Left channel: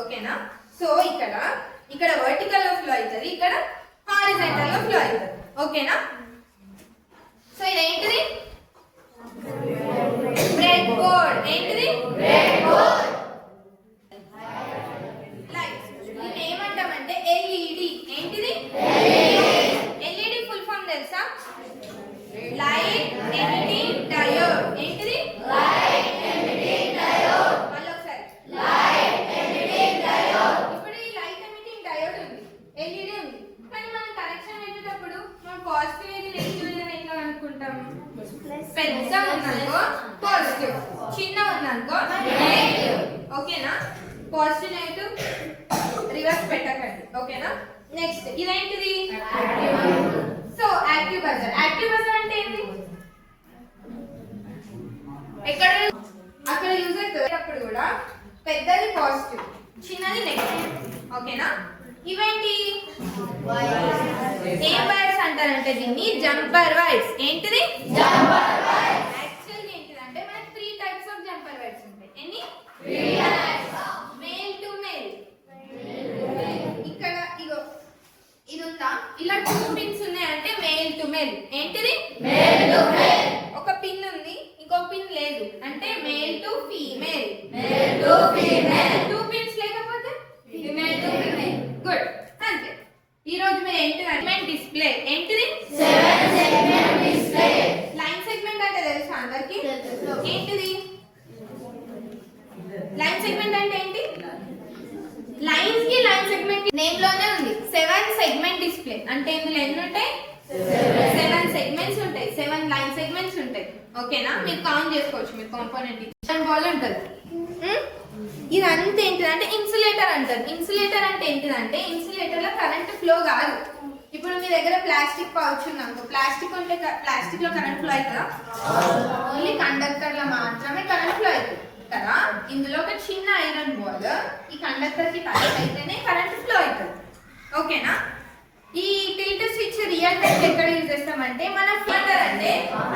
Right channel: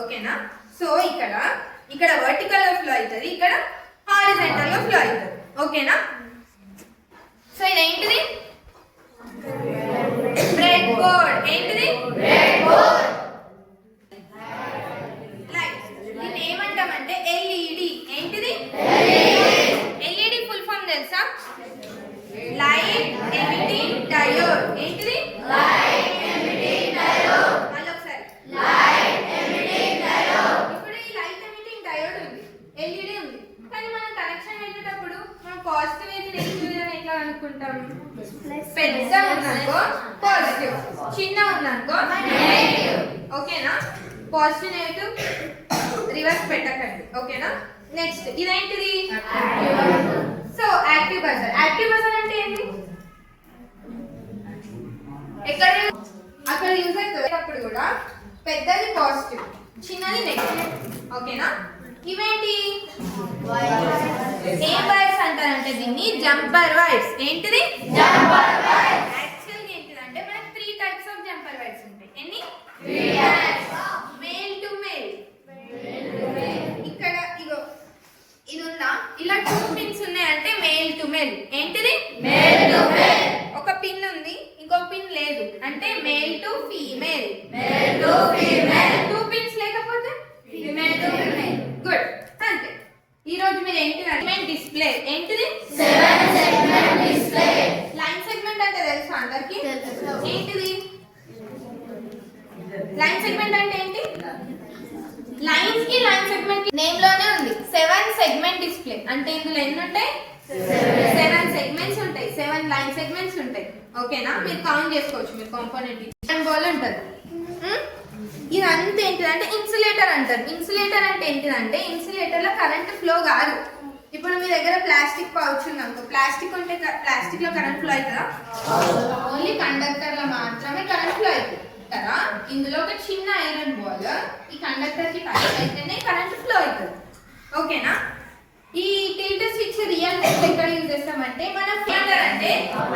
ఓకేనా. సో ఇక్కడ వర్టికల్ గా ఫ్లో అవుతుంది, ఇక్కడ హారిజాంటల్ గా ఫ్లో అవుతుంది. ఓకేనా. సో ఇదేంటిది? Bread board. ఏంటిది? Bread board. లైట్ దీన్ని ఏమంటామంటే ఎల్ఈడి. ఏంటిది? ఎల్ఈడి ఫుల్ ఫామ్ తెలుసా? Light emitting diode. ఏంటిది? Light emitting diode. మళ్ళీ ఒకసారి లైట్ ఎమిటింగ్ డయోడ్. ఇప్పుడు ఈ లైట్ ఎమిటింగ్ డయోడ్ ఉంది, ఎల్ఈడి ఉంది, కానీ మనం కనెక్షన్ పెట్టేటప్పుడు మనం పాజిటివ్ ఏది నెగిటివ్ ఏది ఎట్లా అనుకుంటాం? పెద్ద ఉందనుకో పాజిటివ్, చిన్న ఉందనుకో నెగిటివ్. ఓకేనా. పాజిటివ్ నెగిటివ్ రివర్స్ పెట్టకండి. ఓకేనా. నెక్స్ట్ ఇదేంటిది? So active buzzer. Active buzzer అంటే ఏంటి? ఎక్కడ అక్కడ యూజ్ అవుతుంది. అప్పుడు కూడా పెద్దది పాజిటివ్, చిన్నది నెగిటివ్. ఓకేనా. ఇవేంటి? ఏ వైర్స్ అంటారంటే దీన్ని జంపర్ వైర్స్. ఏంటిది? Jumper wires. యాక్చువల్లీ ఏంటిదంటే మనకి 3 టైప్స్ ఆఫ్ జంపర్ వైర్స్ ఉంటాయి. ఎన్ని? 3 టైప్స్. Male to male. ఇక్కడ ఇగో ఇది ఉందా, ఇలా 2 పిన్స్ ఉన్నాయంటే మేల్ టు మేల్. ఏంటిది? Male to male. ఒక పిన్ ఉంది, ఇంకో పిన్ లేదు అంటే male to female. Male to female. 2 pins లేకపోతే ఫీమేల్ టు ఫీమేల్. గుడ్. అంతే. ఈ రోజు మీరు ఏంటి డిస్ప్లే. ఏంటిది? 7 సెగ్మెంట్ డిస్ప్లే. లైన్ సెగ్మెంట్ అంటే తెలుసా అందరికి? ఏంటిది లైన్ సెగ్మెంట్ అంటే? ఏంటి? లైన్స్ కి లైన్ సెగ్మెంట్ నేమ్ లోనే ఉంది. 7 సెగ్మెంట్ డిస్ప్లే అంటే ఇందులో ఎన్ని ఉంటాయి? 7 సెగ్మెంట్స్ ఉంటాయి, 7 లైన్ సెగ్మెంట్స్ ఉంటాయి. ఓకేనా. మీరు కౌంట్ చేసుకోవచ్చు. మీరు కాంపోనెంట్ బాల్ ఉంటుంది. ఇదంతా ఏంటిదంటే ఇన్సులేటర్ అంటారు. ఇన్సులేటర్ అంటే ఏంటిదంటే ఇన్సులేటర్ లో కరెంట్ ఫ్లో కాదు. ఇప్పుడు మీ దగ్గర ప్లాస్టిక్ పౌచ్ ఉందనుకో, ప్లాస్టిక్ ఉంటే ప్లాస్టిక్ లో కరెంట్ ఫ్లో అవుతుందా? ఓన్లీ కండక్టర్ లో మాత్రమే కరెంట్ ఫ్లో అవుతుంది కదా. ఇందులో ఒక చిన్న ఐరన్ బాల్ ఈ కండక్టర్ కి టచ్ అయితేనే కరెంట్ ఫ్లో అవుతుంది. ఓకేనా. ఈ టిల్ట్ స్విచ్ రియల్ టైం ఎక్కడ యూజ్ చేస్తామంటే మన ఫిల్టర్ అంటే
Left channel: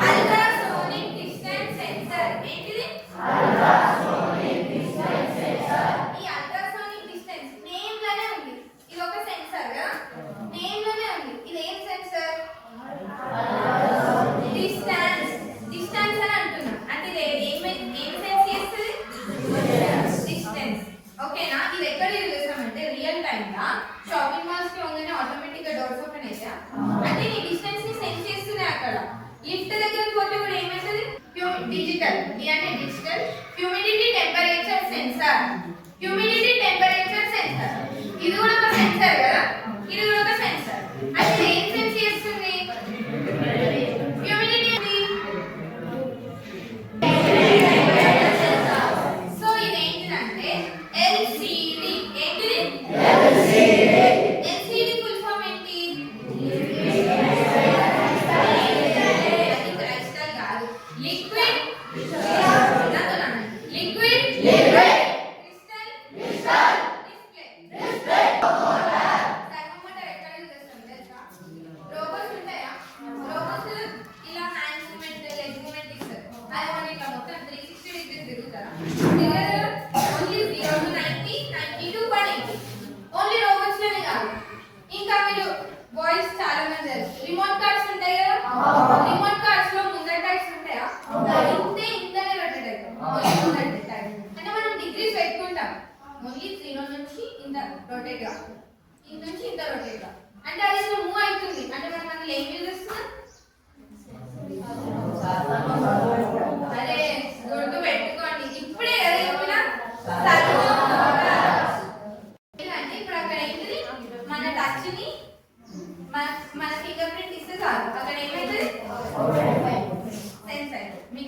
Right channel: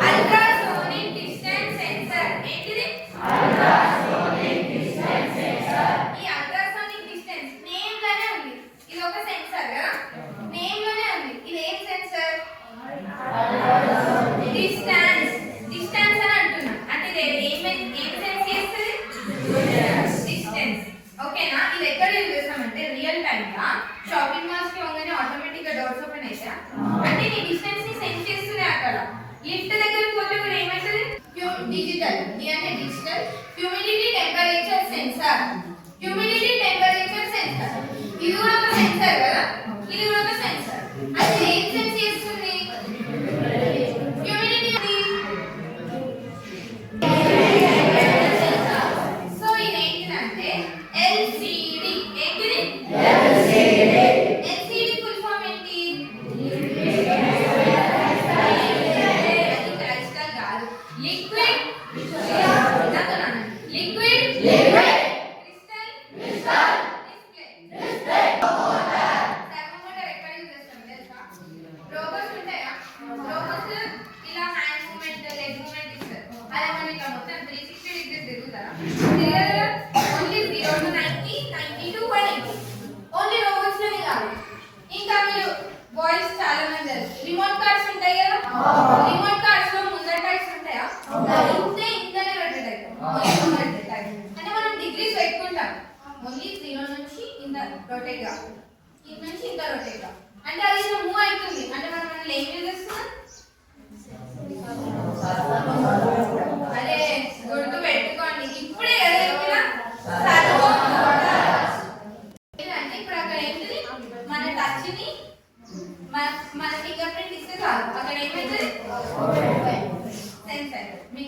అల్ట్రాసోనిక్ డిస్టెన్స్ సెన్సార్. ఏంటిది? Ultrasonic distance sensor. ఈ అల్ట్రాసోనిక్ డిస్టెన్స్ నేమ్ లోనే ఉంది. ఇది ఒక సెన్సార్ కదా, నేమ్ లోనే ఉంది. ఇది ఏం సెన్సార్? డిస్టెన్స్. డిస్టెన్స్ అని అంటున్నాం అంటే ఇది ఏం సెన్స్ చేస్తుంది? డిస్టెన్స్. ఓకేనా. ఇది ఎక్కడ యూజ్ చేస్తామంటే రియల్ టైం గా షాపింగ్ మాల్స్ కి పోగానే ఆటోమేటిక్ గా డోర్స్ ఓపెన్ అవుతా అంటే నీ డిస్టెన్స్ ని సెన్స్ చేస్తూనే అక్కడ. లిఫ్ట్ దగ్గరికి పోతే కూడా ఏమైతుంది? డిజిటల్. ఇది అంటే digital humidity temperature sensor. Humidity temperature sensor ఇది కూడా ఒక సెన్సార్ కదా, ఇది కూడా ఒక సెన్సార్. అంటే ఏం సెన్స్ చేస్తుంది? హ్యూమిడిటీ. సో ఇది ఏంటిదంటే ఎల్సిడి. ఏంటిది? ఎల్సిడి. ఎల్సిడి ఫుల్ ఫామ్ ఏంటి? క్రైస్టల్ కాదు, liquid. Liquid crystal display. Thermometer ఎక్కడ యూజ్ చేస్తాం తెలుసా? రోబోట్స్ ఉంటాయా? రోబోట్స్ ఇలా హ్యాండ్ మూవ్మెంట్, లెగ్ మూవ్మెంట్ ఇస్తారు. అదే మనం ఇట్లా మొత్తం 360 డిగ్రీస్ తిరుగుతారా? Only 0 to 90, 90 to 180. Only robots లోనే కాదు, ఇంకా మీరు బాయ్స్ చాలా మంది తెలుసు రిమోట్ కార్స్ ఉంటాయి కదా. రిమోట్ కార్స్ లో ముందర టైప్స్ ఉంటాయా? ఇంతనే రొటేట్ అవుతాయి. అంటే మనం డిగ్రీస్ పెట్టుకుంటాం. ఓన్లీ 0 నుంచి ఇంత రొటేట్ గా, ఇంత నుంచి ఇంత రొటేట్ గా. అంటే అది ఇట్లా మూవ్ అవుతుంది. అంటే మనం అసలు ఏం యూజ్ చేస్తున్నాం? అదే గుడ్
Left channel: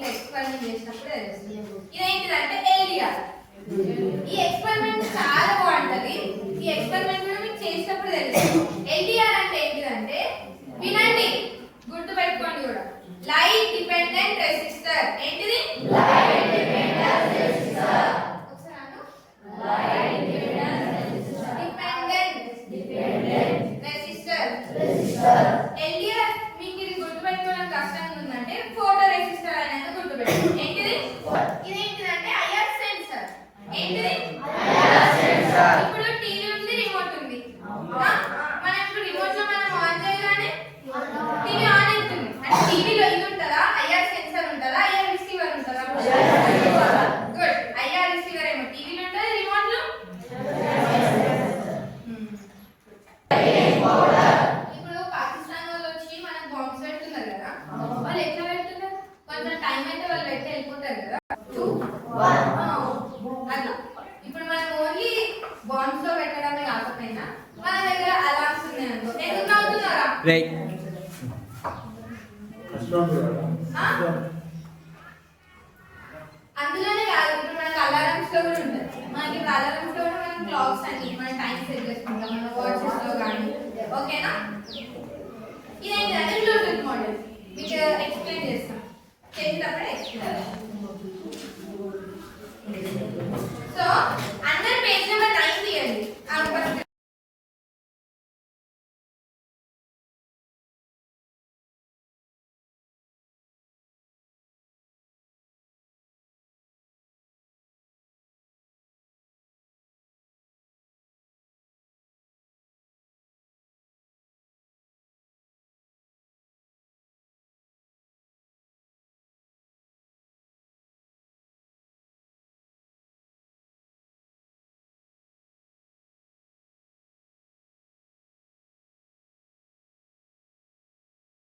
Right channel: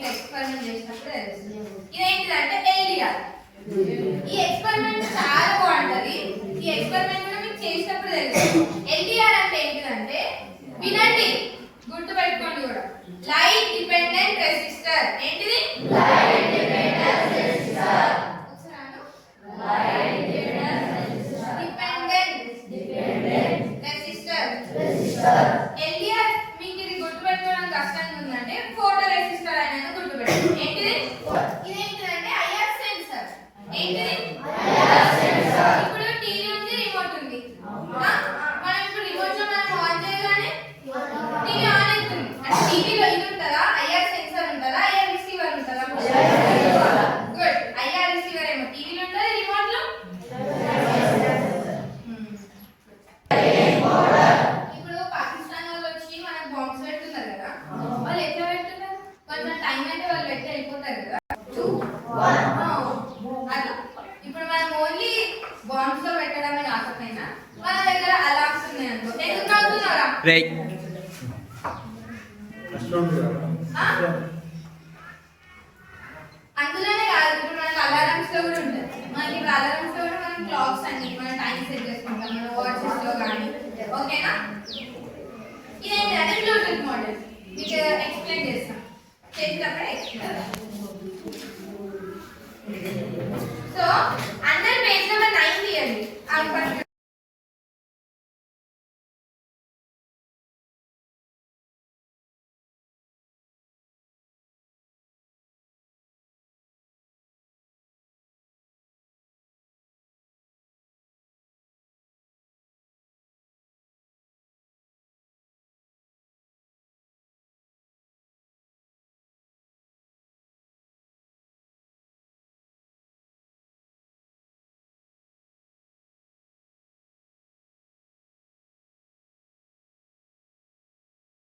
ఇట్లా ఎక్స్పెరిమెంట్ చేసినప్పుడు తెలుస్తుంది. ఇదేంటిదంటే ఎల్డిఆర్. ఈ ఎక్స్పెరిమెంట్ చాలా బాగుంటది. ఈ ఎక్స్పెరిమెంట్ మీకు చేసినప్పుడు తెలుస్తుంది. ఎల్డిఆర్ అంటే ఏంటిదంటే వినండి, గుర్తు పెట్టుకోండి కూడా. Light dependent resistor. ఏంటిది? Light dependent resistor. Light dependent resistor. Dependent resistor. LDR మీకు ఇది గుర్తు పెట్టుకోవడం కష్టంగా ఉందంటే ఫోటో రెసిస్టర్ అనేది గుర్తు పెట్టుకోండి. ఏంటిది? ఇదేంటిదంటే ఐఆర్ సెన్సర్. ఏంటిది? IR sensor. ఇప్పుడు టీవీ ఉంది, రిమోట్ ఉంది. మనం ఇప్పుడు రిమోట్ లో మనం ఆన్ చేయగానే టీవీ ఆన్ అవుతుంది. అంటే టీవీలో ఇది ఉంటుందా? ఐఆర్ సెన్సర్ ఉంటుందా? ఐఆర్ రిసీవర్ ఉంటుందా? గుడ్. ఐఆర్ రిసీవర్ ఏమో టీవీలో ఉంటుంది, రిమోట్ లో ఇప్పుడు పాకిస్తాన్ వాళ్ళు వచ్చి మనకు బాంబ్స్ పెడుతున్నారు కదా, వాళ్ళు ఎట్లా పెడుతున్నారు? కొంచెం టైం అయితే వాళ్ళు పెట్టి వెళ్ళిపోతారు కదా. 2 1 అట్లా. ఇప్పుడు మనం ఓన్లీ బాంబ్స్ లో పెట్టడమే కాకపోయినా మన దగ్గర అలార్మ్స్ ఉన్నాయి అనుకో. ఎందుకు అవుతున్నారా? అందులోనే కాదు, ఇప్పుడు మనకు అలారమ్స్ లో కూడా ఉంటుంది. మనకి ఇప్పుడు అలారమ్స్ లో కూడా మనం క్లాక్స్ అన్ని మన టైం సెట్ చేసుకుంటాం మన వాచెస్ లో కానీ. ఓకేనా? ఇదేంటంటే బ్లూటూత్ మోడల్. మీకు ఎక్స్ప్లెయిన్ చేస్తాం, చేసినప్పుడే ఎక్స్ప్లెయిన్.